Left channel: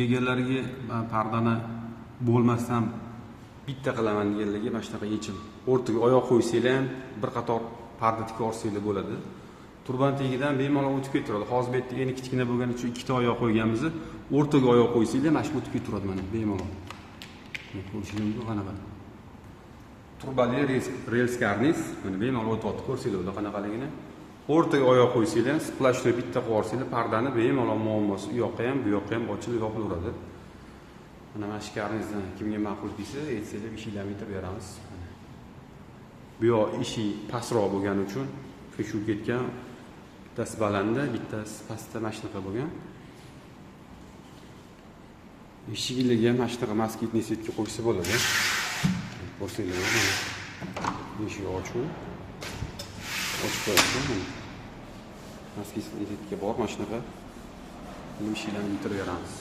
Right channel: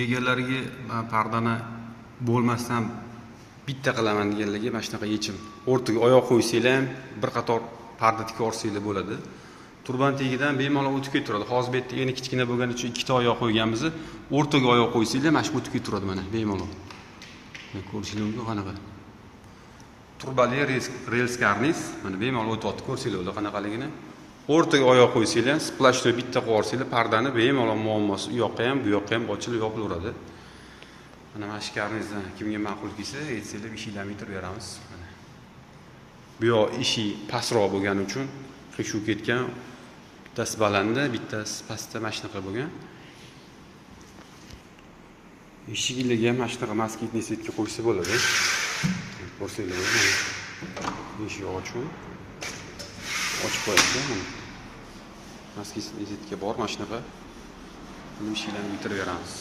egalariga pardani bo'lmasdan bitta qilaman deganlarga mana shunaqa yechim. O'rtaga oyoq qo'ysanglar ham bir qator parda tikib olsanglar bo'ladi. Turban tagidan bemalol o'tib keturadi. Hozir bu yerda yana kichkina bo'lgani uchun ikkita oyoq qo'yganmiz. O'rtaga oyoq qo'ysanglar mana shu o'tib keturadi mana bemalol. Ko'rsanglar mumkin qanaqa. Turbali rels karniz mana bemalol o'tyapti. Ko'rsanglar ular qanaqaligini. O'rtaga oyoq qo'ysanglar, splashni bitta qo'yib olsanglar, pardani bemalol muammosi u yoqqa ham, bu yoqqa ham ochilib yopilaveradi. Mana shu karnizdan kimga ma'qul kelsa, aytsanglar ishinglarni bitirib beramiz. Bu yoq ishi pastroq bo'lgani uchun shu ketgan, bittasi balandda, bittasi pastda mana shunaqa bo'lgan. Eshigiga ham mana shunaqa moskitniy setga qo'ysa bo'ladi. Ko'rsanglar mana. Eshik ochiq. Ochib qo'yasiz. Moskitniy setga bor mana shunaqa. Buni ishlarni bitirib beramiz.